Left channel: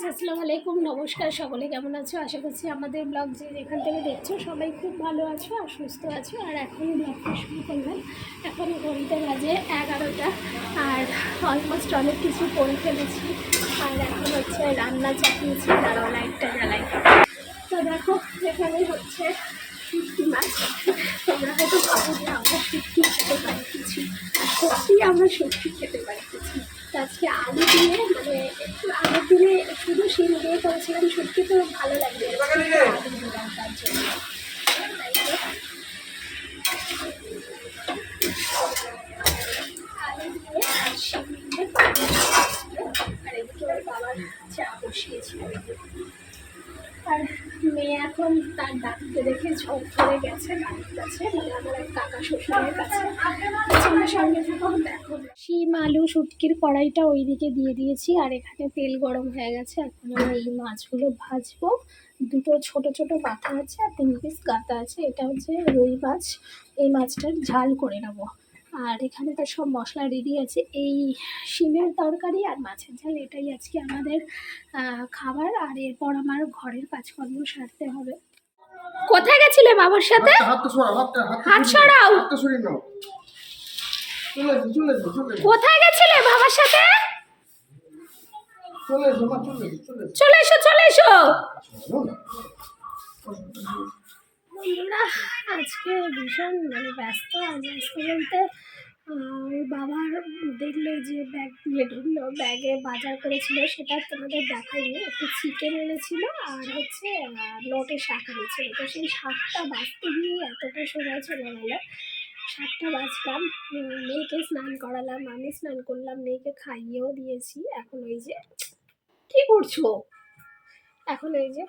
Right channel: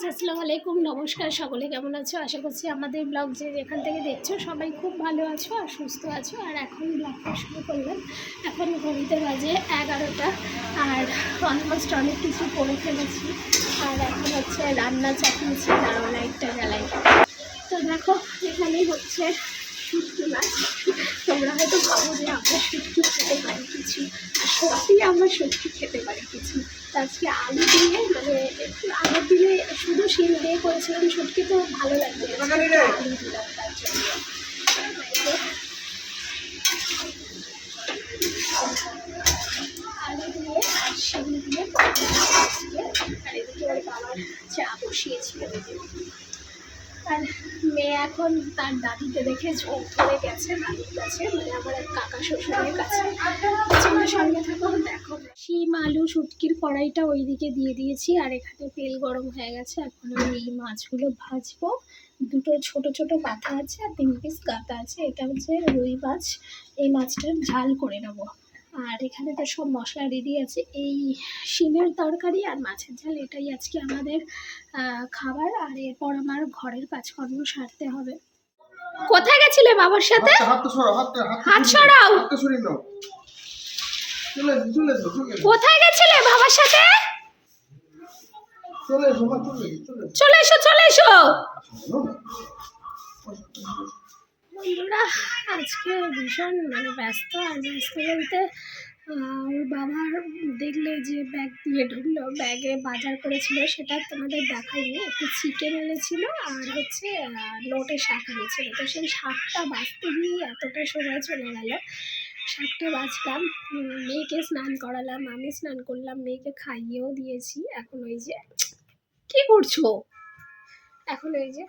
Friends আসসালামু আলাইকুম, নমস্কার সকলে, কেমন আছো? আশা করছি আমাদের ব্লগ যে যেখান থেকে দেখছ, সবাই খুব ভালো আছো আর সুস্থ আছো। আর এখন ব্লগটা শুরু করলাম। এখন ঘড়িতে বাজে এগারোটা, আর অলমোস্ট অনেক কিছু করে ফেলেছি। আর এখন হচ্ছে রান্না চাপিয়েছি দাঁড়ো লাইটটা জ্বালাই। তো দেখো, এখানেই হচ্ছে শুটকি মাছ। তোমরা হয়তো ভাবো যে আমরা শুটকি খেতে পারি কিছু, আর সত্যি আমরা শুটকি খেতে পারি কিছু। আজকে আলু দিয়ে মানে একটু আগের দিনে শুধু শিল দিয়ে করেছিলাম শুটকি তো ভালো লাগবে আলু দিলাম তার জন্য দিয়ে আর শিল দিয়ে আর এদিকে ওর বাবার চা বসিয়েছিল। আর মেয়ে এখন তার দাদিকে দেখে ঝোঁক ধরে গেছে, দাদির কাছে মানে আমার এক কাকা শ্বশুরের কাছে। সঙ্গে থাকো, দেখো শিম আলু শুটকির কড়াইটা ওইদিকে দিয়ে দিয়েছি আর এখানে তেল গরম হয়ে গেছে। এখন আমি এই মাছগুলো ভাজবো। দুটো ছোট ছোট কাঁথা আছে আর তিন পিস গাঁথা আছে। এটা হচ্ছে রুই মাছ। এই মাছটার ঝাল করে নেব। আর এখানে তো সব মশলা রেডি আছে। এই শিমের তরকারি আর মাছের ঝাল এটাই আজকে আমাদের খাবার। আর এরপর আমার ঘরের কাজকর্ম সারতে হবে। কোথায় গেছিলে বাবার সাথে? হাত সরাও। কোথায় গেছিলে বাবার সাথে? চলে এসো চলে এসো চলে এসো। বন্ধুরা আজকে ভীষণ মানে ব্যস্ত আর ব্যস্ত বলতে ওর বাবার দেখলে যে ব্যাগ নিয়ে ঢুকলো ব্যাগে বাজার করেছিল সেটা তোমাদের দেখাইনি। একটু চিকেন এনেছিল আর হচ্ছে লোটে শাক এনেছিল। তো সেই শাকটা বাঁচতে গিয়ে এতটা সময় চলে গেল। শাকটা বাঁচলাম মেয়েকে স্নান করালাম, আমি স্নান করলাম, মেয়েকে খাইয়েও দিয়েছি। এখন ওই যে কি করছ? এখন ওই যে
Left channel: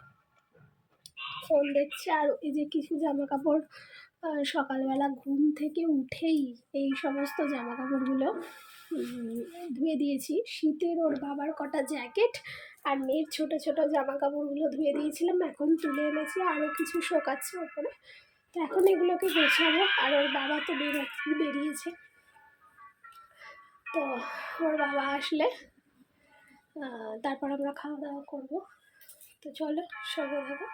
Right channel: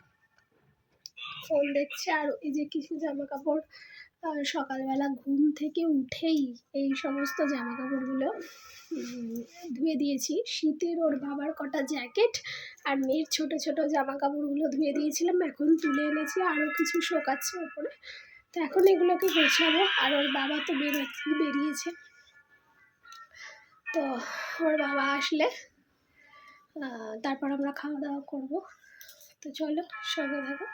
ফোন দেখছে, আর এই যে কিছু জামা কাপড় সকালবেলা ঘুম থেকে উঠেই এই সমস্ত জামা কাপড়গুলো ধুয়ে দিয়েছি। শীতের ওর বাবার কটা জ্যাকেট আর মেয়ের ছোট ছোট জামা কাপড়গুলো ধুয়ে দিয়েছিলাম, এখন তুলে এনেছি আরও কিছু শোকাচ্ছে ওপরে। তো এখন এগুলোকে গোছাবো। আর ওর বাবা তো বেরোচ্ছে বেরিয়েছে। তো ওর বাবা আসলে তারপর আমরা খাওয়া দাওয়া করব। তো চলো সঙ্গে থাকো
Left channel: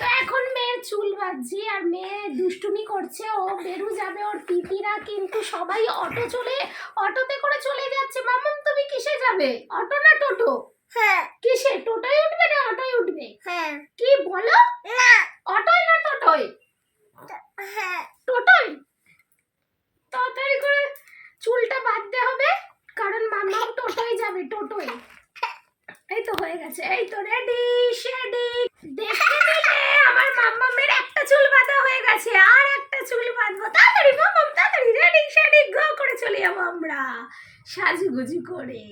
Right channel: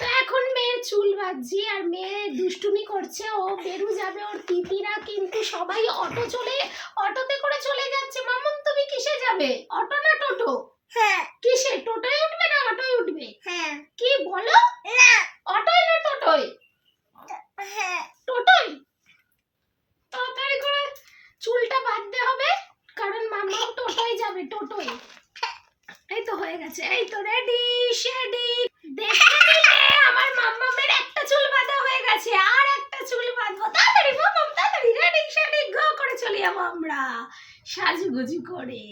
তো এখন মেয়ের চুল বাজছি আর মেয়ে দুষ্টুমি করছে। ও বেরু যাবে ওর পিপিরা কিন্তু সবাই অটো চলে অটোতে করে চলে যাচ্ছে। মামুন তুমি কিসে যাবে? অটো না টোটো? হ্যাঁ। কিসে টোটোয় উঠবে না অটোয় উঠবে হ্যাঁ কি বলো না অটোয় না টোটোয় হ্যাঁ টোটোয় তাড়াতাড়ি করে চুলটা বাঁধতে হবে কারণ মামাও যাবে টোটোয়। এই তো হয়ে গেছে। এই তো রেডি শেডি নিলে আমার মাম্মামের একটা চুল বাঁধা হয়ে গেছে আর একটা চুল বাঁধবো। তাড়াতাড়ি মাম্মাম তাড়াতাড়ি রেডি শেডি গো করে চলে যাব আমরা। সাজুগুজু করে।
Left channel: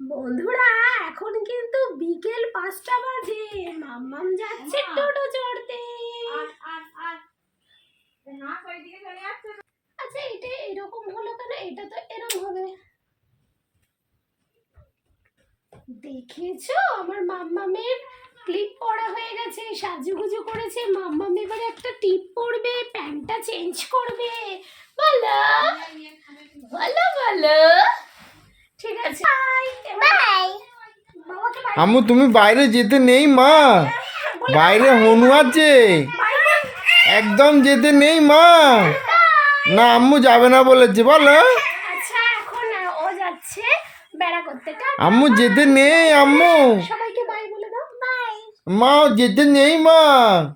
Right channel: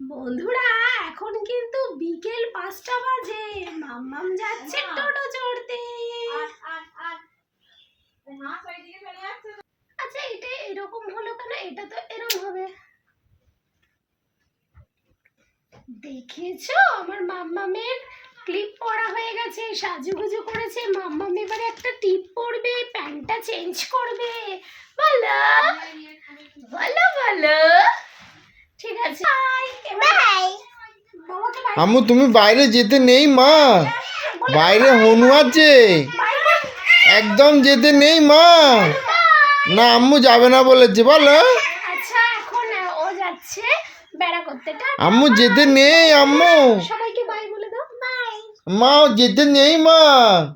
বন্ধুরা এখন কিন্তু বিকেল পাঁচটা বাজে। মাম্মাম যাচ্ছে টোটো চড়তে আচ্ছা এটা এরকম হলো কেন এটা তো এরকম হবে দেখেছ? আমার মাম্মামের ক্লিপ পরা হয়ে গেছে সাজুগুজু করেছে। মাম্মাম এবারে একটা টিপ পরবে প্যান্টটা চেঞ্জ করবে। বলো বলো বলো। ঠিক আছে। বাই বাই আম্মু তুমি বাইরে যেতে নেই মা। বাইরে হনু আছে। একদম যেতে নেই মা। না আম্মু যাবে না বলেছে বলো। আচ্ছা এখন ও যাচ্ছে। বেড়া করতে। আম্মু যেতে নেই আম্মু। সবাইকে বাই বলে দাও। বাই মা যেতে নেই মা।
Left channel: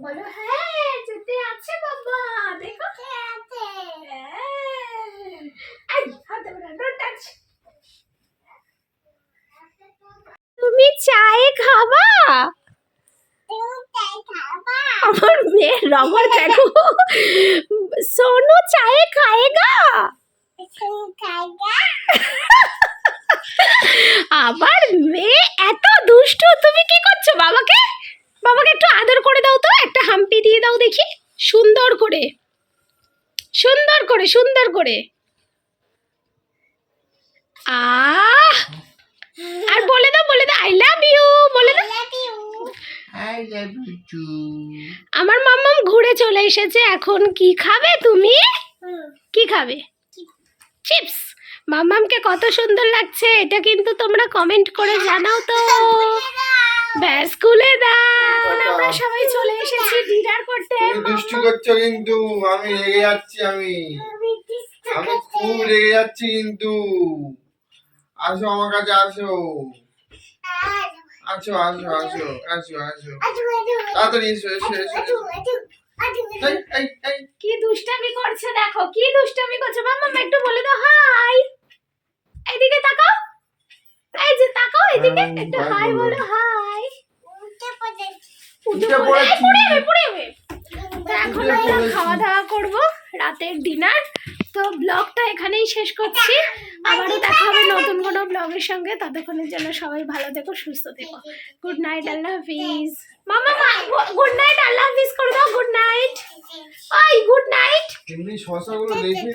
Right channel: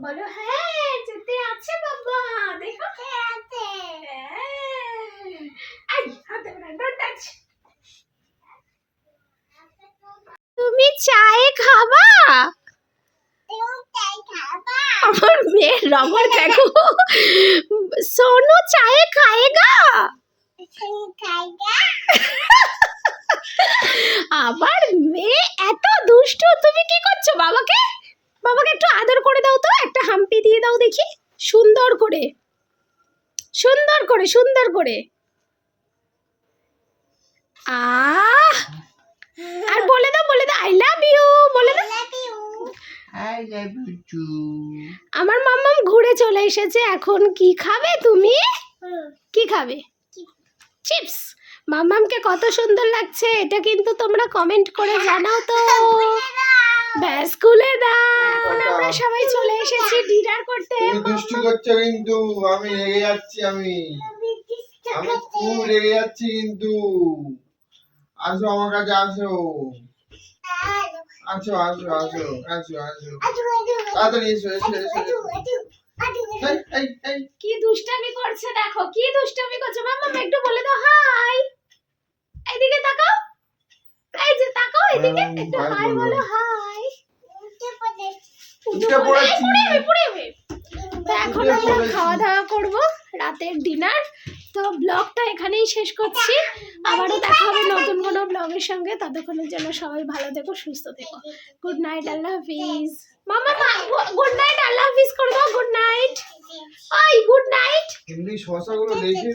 বলো হ্যাঁ যেতে আছে বাবা। দেখো। আই হাতে টাচ তুমি চায়ে খাবা? আমার মেয়ের রঙর দেখো। সোনু চায়ে খায়েগা? আমার মেয়ে এত দুষ্টু তুমি কি করছ বাবাকে? বাবাকে একটু আদর করে দাও তো একটা হাম্পি দিয়ে দাও দেখি। সুন্দর করে। সুন্দর করে সুন্দর করে। আহ! আর বলে দাও বলে দাও আই লাভ ইউ বলে দাও। আই লাভ ইউ আমার মাম্মাম ঘুরে চলে এসেছে এখন কি খাবে তুমি? কি খাবে? চিপস মামামকে কত সুন্দর লাগছে এটা কিন্তু তোমরা কমেন্ট করে জানাও তো। ব্যাস স্কুলে দাও আমরা সবাই চলে এসেছি ডিনার করতে। দুষ্টু করছ কিন্তু আমি রেগে যাচ্ছি আমি। আমি খুব রেগে যাচ্ছি কিন্তু। আসো আমার কাছে আসো। আসো আসো আসো আসো আসো। তাড়াতাড়ি এসো এসো এসো। কি দুষ্টামি করছে দেখো কি দুষ্টামি করছে? মাম্মা একটু বলে দাও হাই এদিকে তাকাও। এই যে তাকাও এদিকে। একটু bye হাই বলো। হাই। উঠে পড়েছি। তো এখন আমরা খাওয়া দাওয়া করব রাতের ডিনার তো ব্লগটা এখানেই শেষ করছি। আবারও দেখা হবে নতুন কোনো ব্লগের সঙ্গে। ততক্ষণের জন্য সবাই ভালো থেকো সুস্থ থেকো। গুড নাইট আল্লাহ হাফিজ। মামা গুড নাইট আল্লাহ হাফিজ করে দাও গুড নাইট ওই গুড নাইট এমনি শশাগুলো দেখে